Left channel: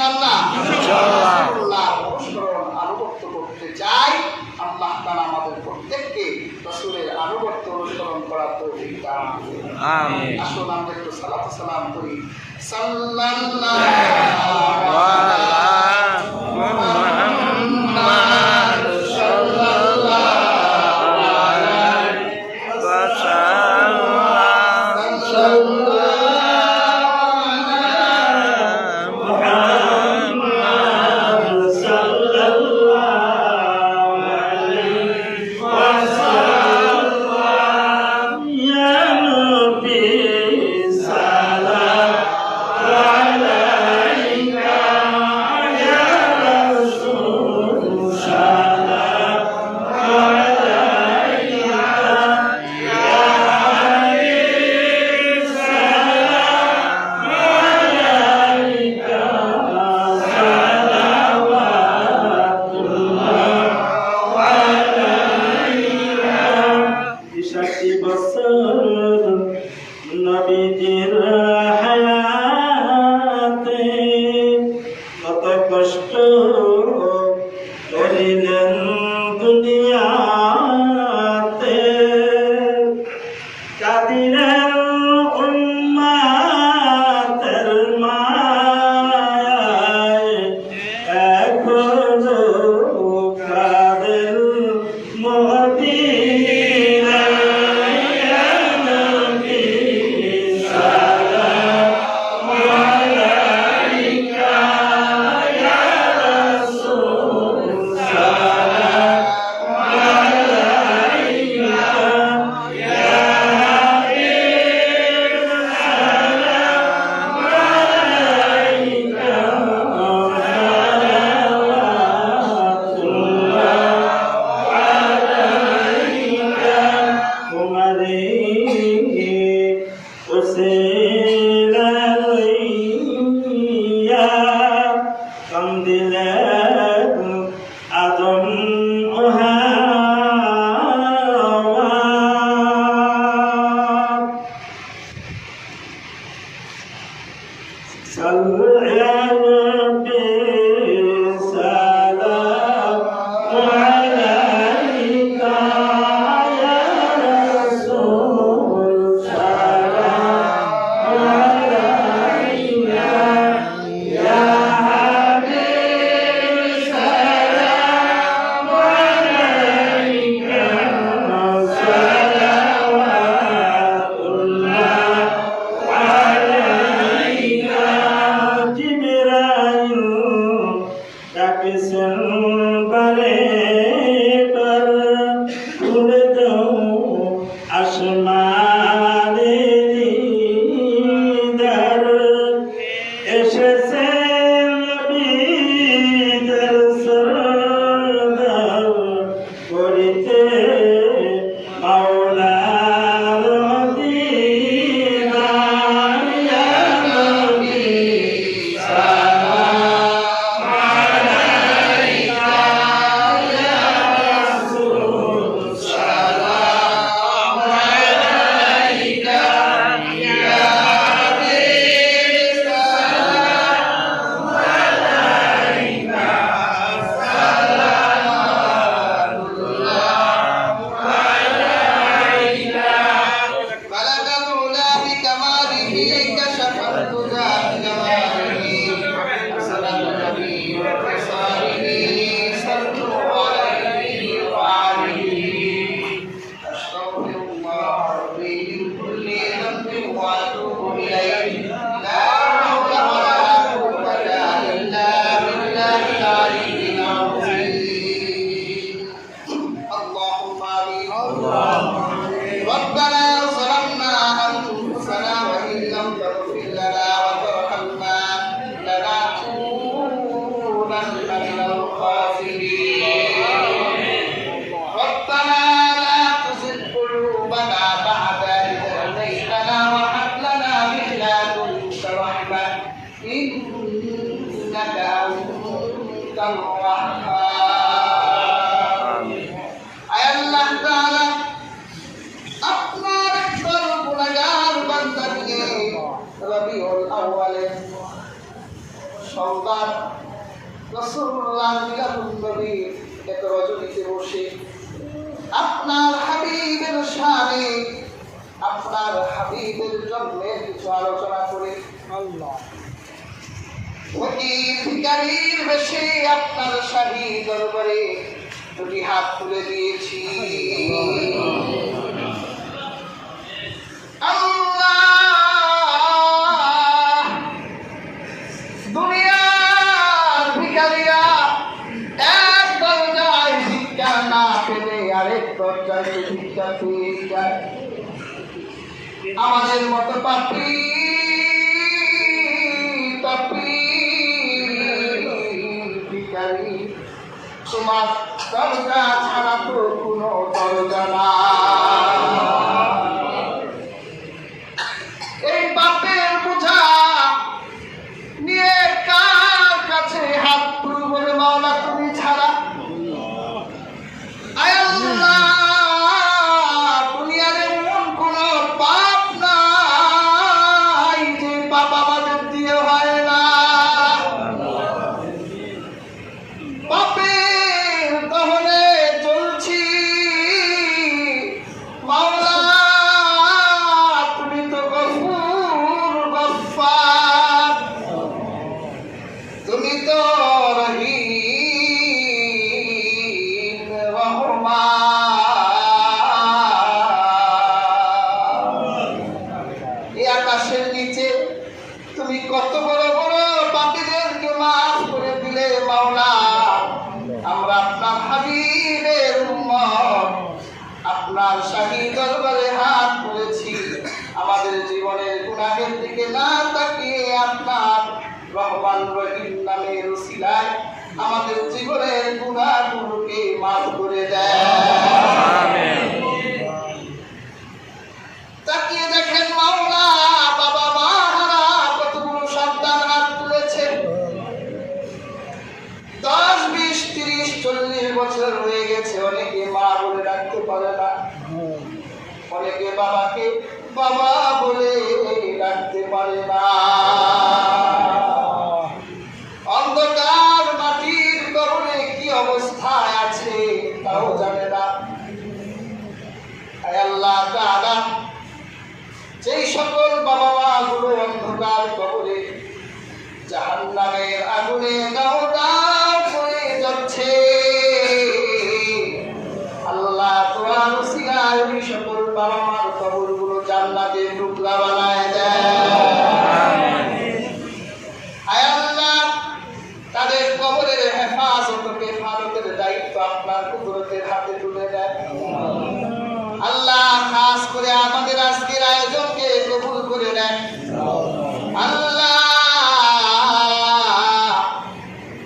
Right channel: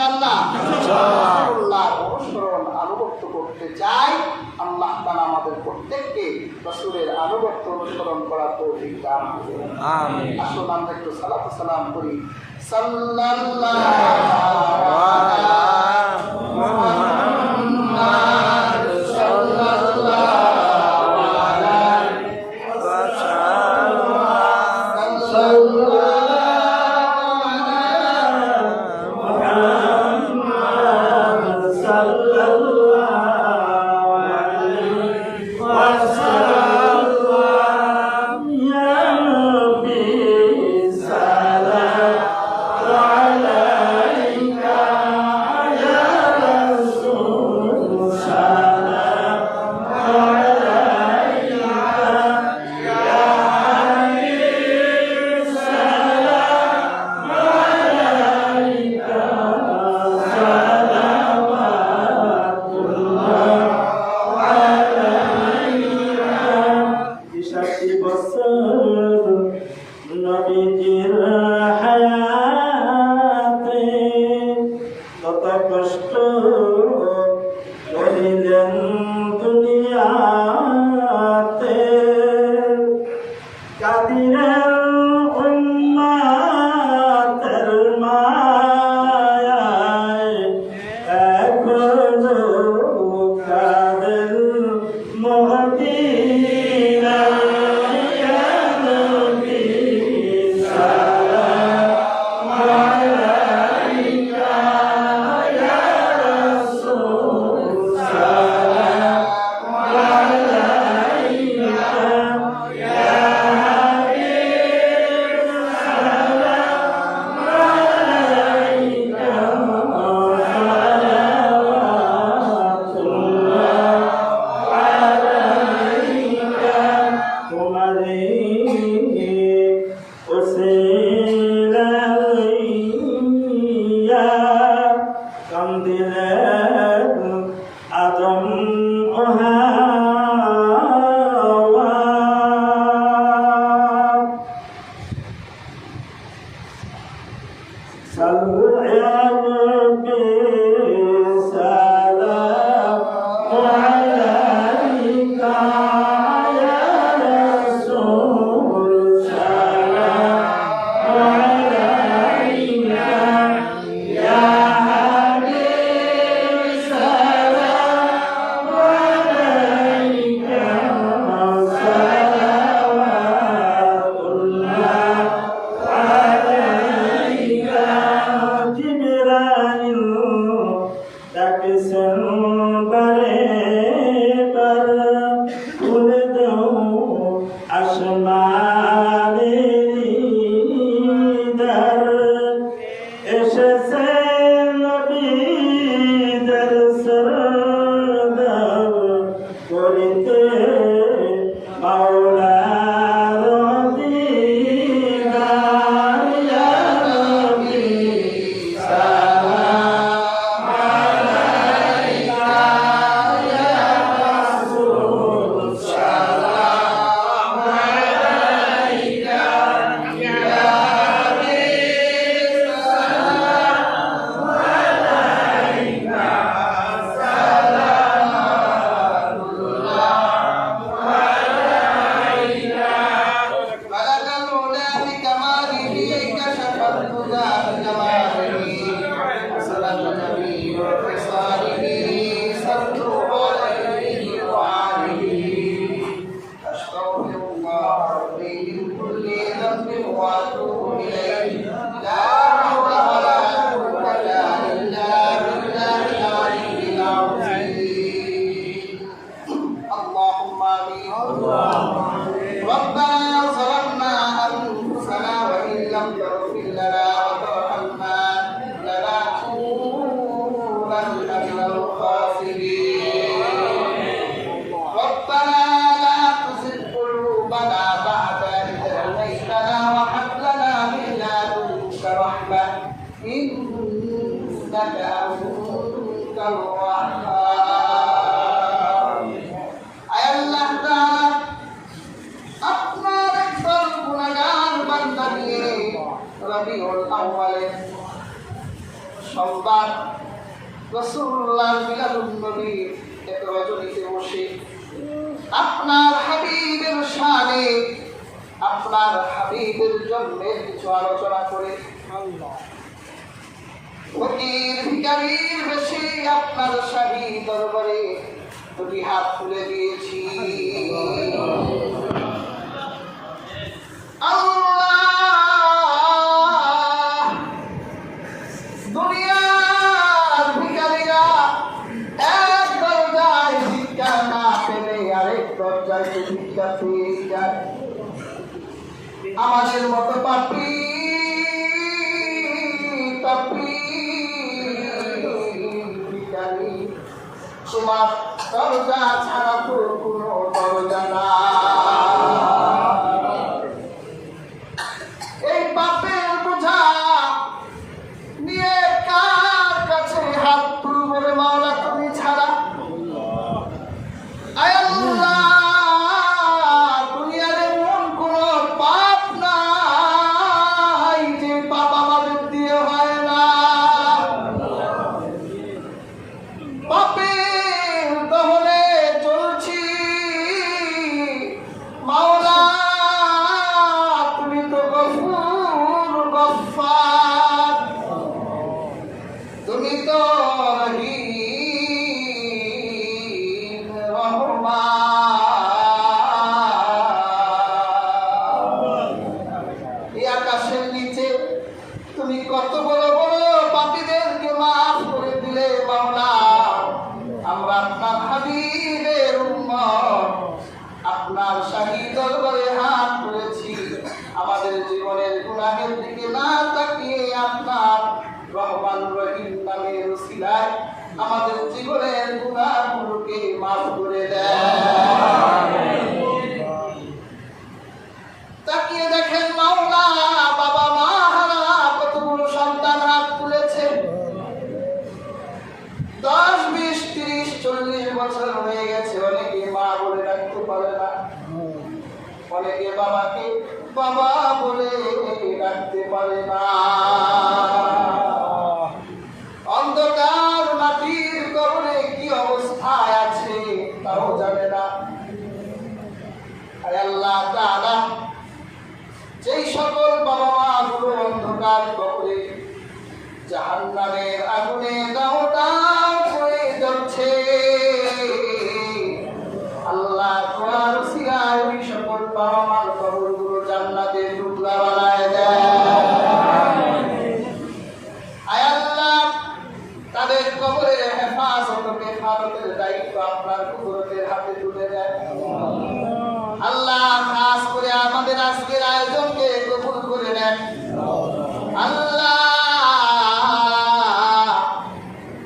ইনশাআল্লাহ রাসূলুল্লাহ অনুসরণ আনুগত্য করতে চাই। আল্লাহ তাআলা আমাদের প্রত্যেককে রাসূলের আনুগত্য অনুসরণ করার তৌফিক দান করুন। আমিন। আসুন আমরা একটু সালাত ও সালাম করি। সাল্লাল্লাহু আলা মুহাম্মাদ সাল্লাল্লাহু আলাইহি ওয়াসাল্লাম। নবীজির হায়াতে কত কষ্ট করিলেন দুনিয়াতে, কাদিলেন উম্মতের মায়ায়, এখনো কাদের মদিনায়। আদম রবিউল আউয়ালের সন্ধ্যা আমার রাসূলুল্লাহ মিলাদুন নবীর এক রজনীতে বসে আপনার হাবিবের শানে, আপনার হাবিবের জন্মের কিছু আলোচনা করে ফকির ভিখারির বেশে আপনার শাহী দরবারে দুটি হাত তুলে দিয়েছি। দুনিয়ার ভিখারিরা এক দরজায় ভিক্ষা না পেলে আরেক দরজায় তো ভিক্ষা পেয়ে যায়। আমাদের মতো পাপী ভিখারি তোমার দরজা ছাড়া তো কোনো দরজা না। এই পাপের বোঝা নিয়ে কার কাছে হাত তুলব রে মাওলা তুমি ছাড়া? আয় আল্লাহ, দুনিয়ার এমন কোনো পাপ নাই যে পাপ আমাদের দিয়ে হয় না। পাপের দহনে চলছি মাওলা, তুমি তো গফুর গফফার, তুমি তো রহিম রহমান। এই আকাশের নিচে তুমি কত বড় বড় পাপীদেরকে মাফ করে দিলে মাওলা। আমরা আপনার হাবিবের উম্মত, আপনার শাহী দরবারে হাত তুলেছি। আমাদের জীবনের গুনাহের দিকে না তাকিয়ে আপনার রহমান রহিম নামের উসিলায় আমাদের জীবনের গুনাহগুলোকে মাফ করে দেন। আমিন। তাকিয়ে দেখেন মাওলা, বাবা মা হারা কতগুলো সন্তান হাত তুলেছে। 10, 20, 30, 40 বছর হয়ে গেছে। অনেকে মা বলে ডাকতে পারে না, অনেকে বাবাকে বাবা বলে ডাকতে পারে না। অন্ধকার মাটির কবরে কি অবস্থায় আছে তাও জানে না। আল্লাহ তাআলা যেই সকল বাবা মা গুলো অন্ধকার কবরে জাহান্নামের আগুনে দাও দাও হয়ে যাচ্ছে, আল্লাহ তোমার উসিলায় ওই সকল বাবা মার কবরগুলো জান্নাতের টুকরা বানায় দেয়। আয় আল্লাহ, তাদের কবরের হেফাজতকে হেফাজতের দায়িত্ব আপনার কুদরতের হাতে তুলে দেয়। আল্লাহ, খাস করে আমাদের আজকের আয়োজনকে কবুল করে নেন। আল্লাহ,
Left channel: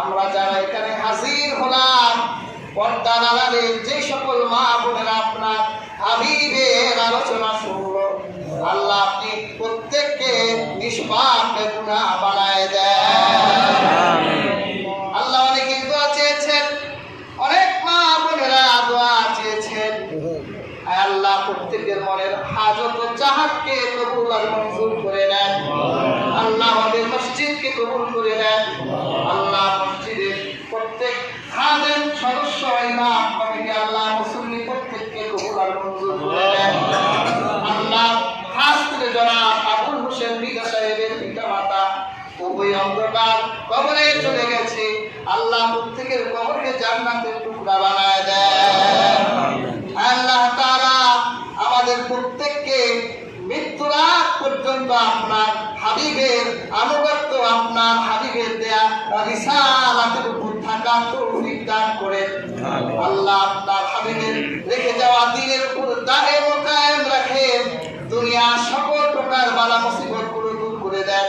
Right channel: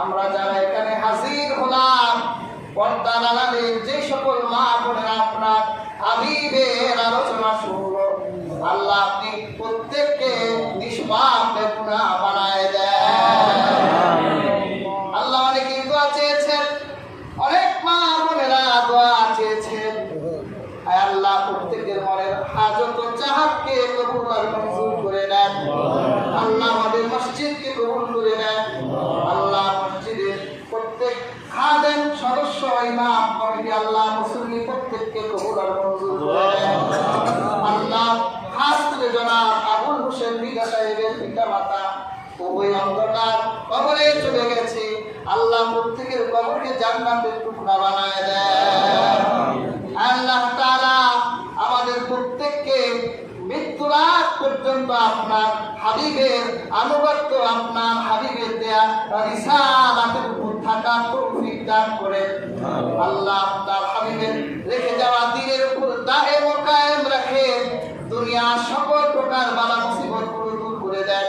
আমরা যারা এখানে হাজির হলাম, পর্দার আড়ালে যে সকল মা বোনেরা আপনার হাবিবের আলোচনা শুনল, আল্লাহ আপনি প্রত্যেককে নিষ্পাপ বেগুনাহ বানায় দেন। আল্লাহ, অনেকে দোয়া চেয়েছেন, অনেক মা বোনেরা দোয়া চেয়েছেন। আয় আল্লাহ, প্রত্যেকের মনের হাজত ও চাহাতকে কবুল আর মঞ্জুর করে নেন। আল্লাহ, আমাদের মসজিদকে কবুল করে নেন। আল্লাহ, মসজিদের প্রত্যেক খাদেম, সদস্য, ইমাম, কমিটি, আল্লাহ মুসল্লি প্রত্যেককে কবুল আর মঞ্জুর করে নেন। আল্লাহ, খাস করে জনাব আবুল হোসেন মৃধা সাহেবের পিতা মাতা উভয় অন্ধকার কবরে চলে গেছে। আল্লাহ, প্রত্যেকের কবরকে জান্নাতের টুকরা বানায় দেন। আল্লাহ তাআলা আমাদের প্রত্যেককে মৃত্যুর আগ পর্যন্ত আপনার হাবিবের আনুগত্য, আপনার হাবিবের দেয়া রিসালাতের উপর থাকার তৌফিক দান করেন। আল্লাহ, আপনার হাবিবের রেখে যাওয়া দ্বীনের উপর দায়েম ও কায়েম রাখেন। দুনিয়ার সকল প্রকার বালা মুসিবতগুলো দূর করে দেন।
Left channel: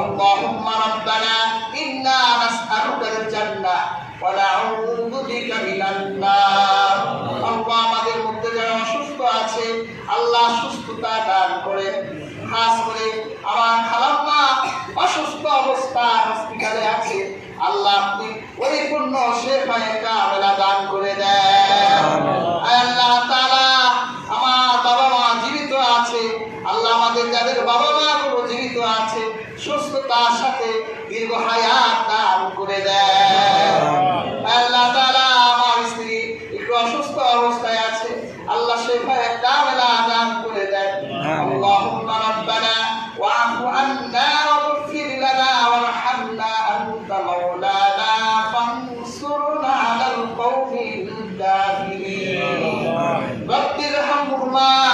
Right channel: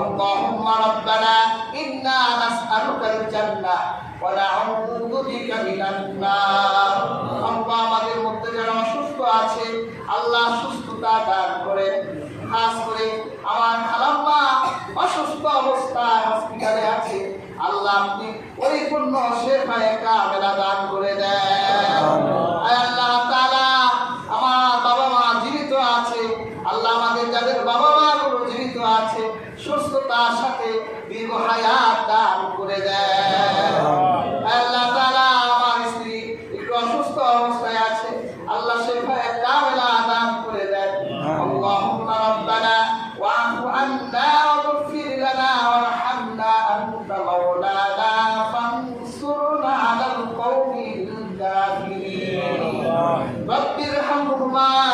আল্লাহুম্মা রাব্বানা ইন্না নাসআলুকাল জান্নাহ ওয়া নাউযু বিকা মিনান নার। আল্লাহ, আমাদের মধ্যে যারা অসুস্থ আছে, আল্লাহ সুস্থতা দান করেন। খাস করে আমার খালাম্মা অসুস্থ অবস্থায় হসপিটালে আছে, আল্লাহ আপনি পরিপূর্ণ শেফায়ে কামেলা দান করে দেন। আল্লাহ তাআলা, আমার বাবা মা জীবিত আছে, আল্লাহ আমাদের যাদের বাবা মা গুলো জীবিত আছে, সুস্থতার সাথে দীর্ঘ হায়াত দান মুসলমান